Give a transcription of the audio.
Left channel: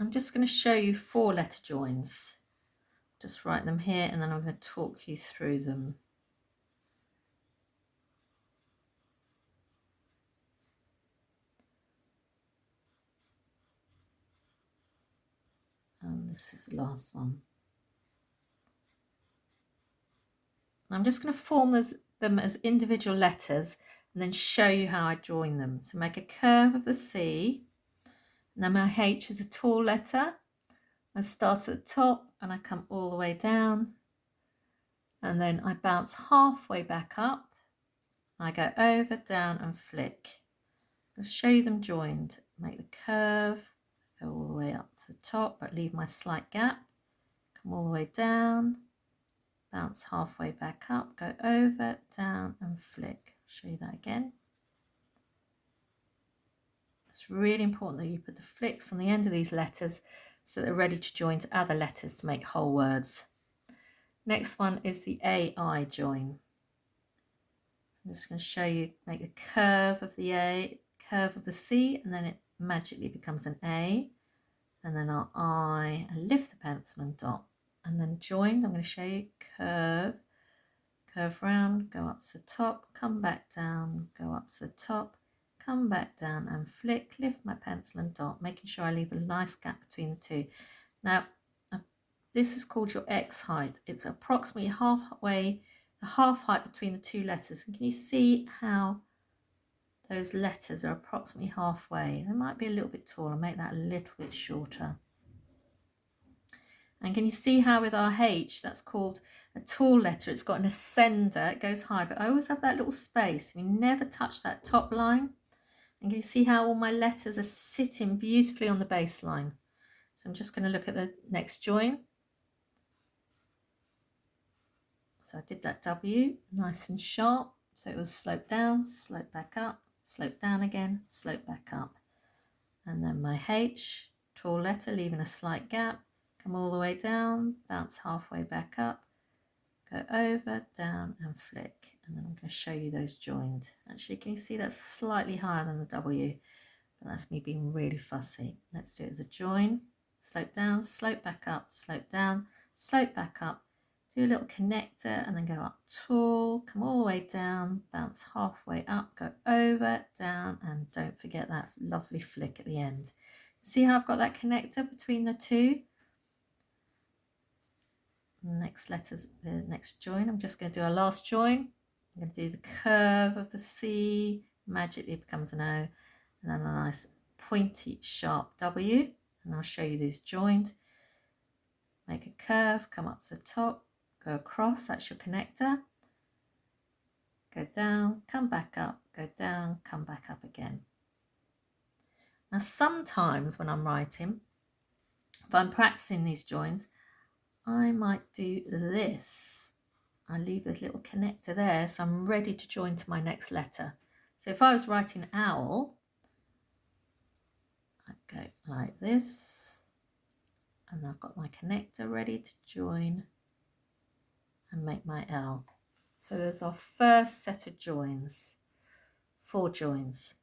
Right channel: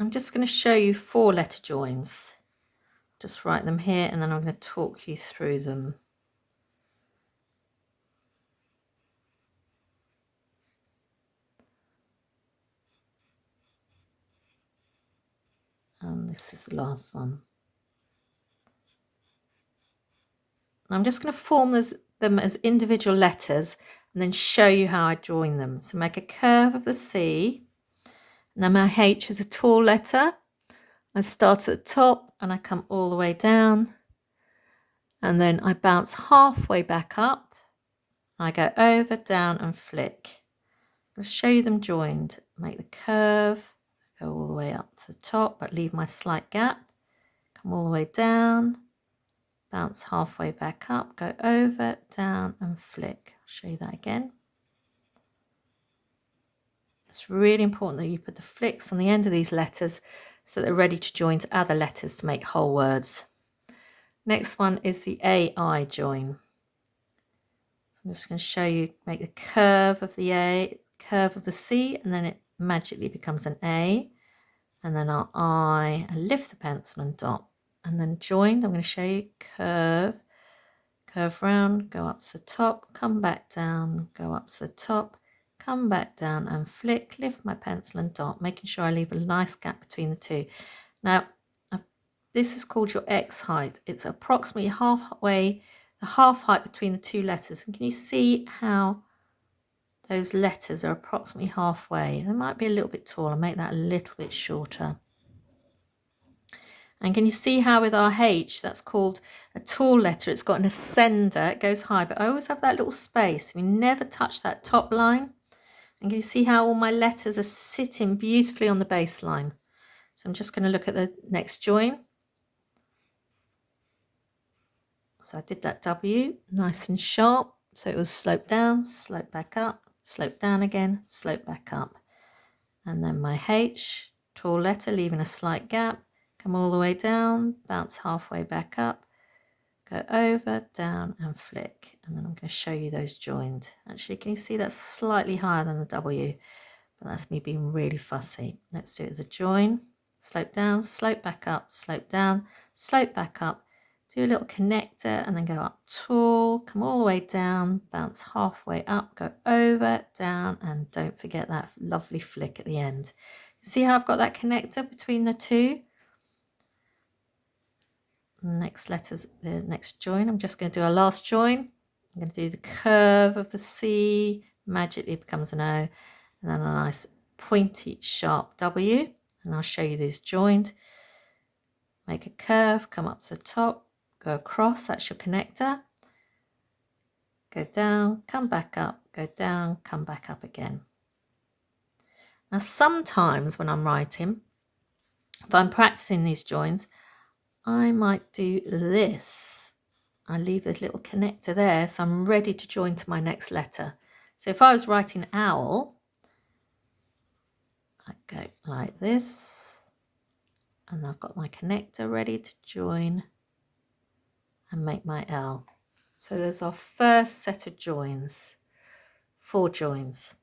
I'm just going to show you 4-letter joins. Just write them here and then I'm going to talk you through them. And this is the last one. I'm just going to form them as individual letters and then show you how I join them. So make a curve of the C. Now my H is a tall letter. I start at the top and I come all the way down. And then I bounce halfway back up. I go over, down and flick. I'll show you them joined. Make the curve, go all the way up to the top, but leave my slight gap. Come all the way down, bounce halfway back up, go over, down and flick. I'll show you that again. It's really important that you put the flicks on the end of these letters so they're ready to join to other letters to make whole words. Next one is the AI join. So I'm just going to show you, make the curve of the A, curve of the C, and then it magically becomes an A. And then our I, and lift the pencil and dot. And then joined, I'm going to show you curve, curve round, go up to the top, come back down, go up to the top, come back down and flick, lift my pencil and dot, making sure I leave a nice gap between the two. Now, this is called your X height. It's approximately halfway, the half height between the two letters. And can you see how those letters are approximately halfway? They might be a little bit taller. Make that a little bit shorter. And can you see how with our H, that's called a tall letter. It's got an ascender, it goes high, but I always have that little space. We never touch that top line. And can you see how all my letters are sitting beautifully on the baseline? So I'm just going to look at the next join. So I did that W, nice and sharp. So it was slope down, slope back up, slope down again, slope back up. And then my H, tall letter, leaving a slight gap, come all the way down, bounce halfway back up, go over, down and flick. And then I'm going to show you those joined. Actually, can you see that's slightly higher than the W? But that's me being really fussy. Let's do it as a join. Slope down, slope back up, slope down, slope back up. Do a little connector and then go up tall, come all the way down, bounce halfway up, go over, down, and don't forget that lovely flick at the end. See how I've got that connector between the two? Next letters, the next join. I'm just going to do our last join. I'm going to do the curve of the C, magically becomes an O, and then a nice pointy sharp W. And I'll show you these joined. Make a curve, come up to the top, go across, that's your connector. Go down, come back up, go down, come back up again. Now sometimes when I'm writing, if I'm practicing these joins, I might do this. I leave a little connector there, so I'm ready to join to my next letter. So if I was writing owl, I'd go like this, and I've got my connector ready to join and make my L. So there's our first set of joins, 4 joins.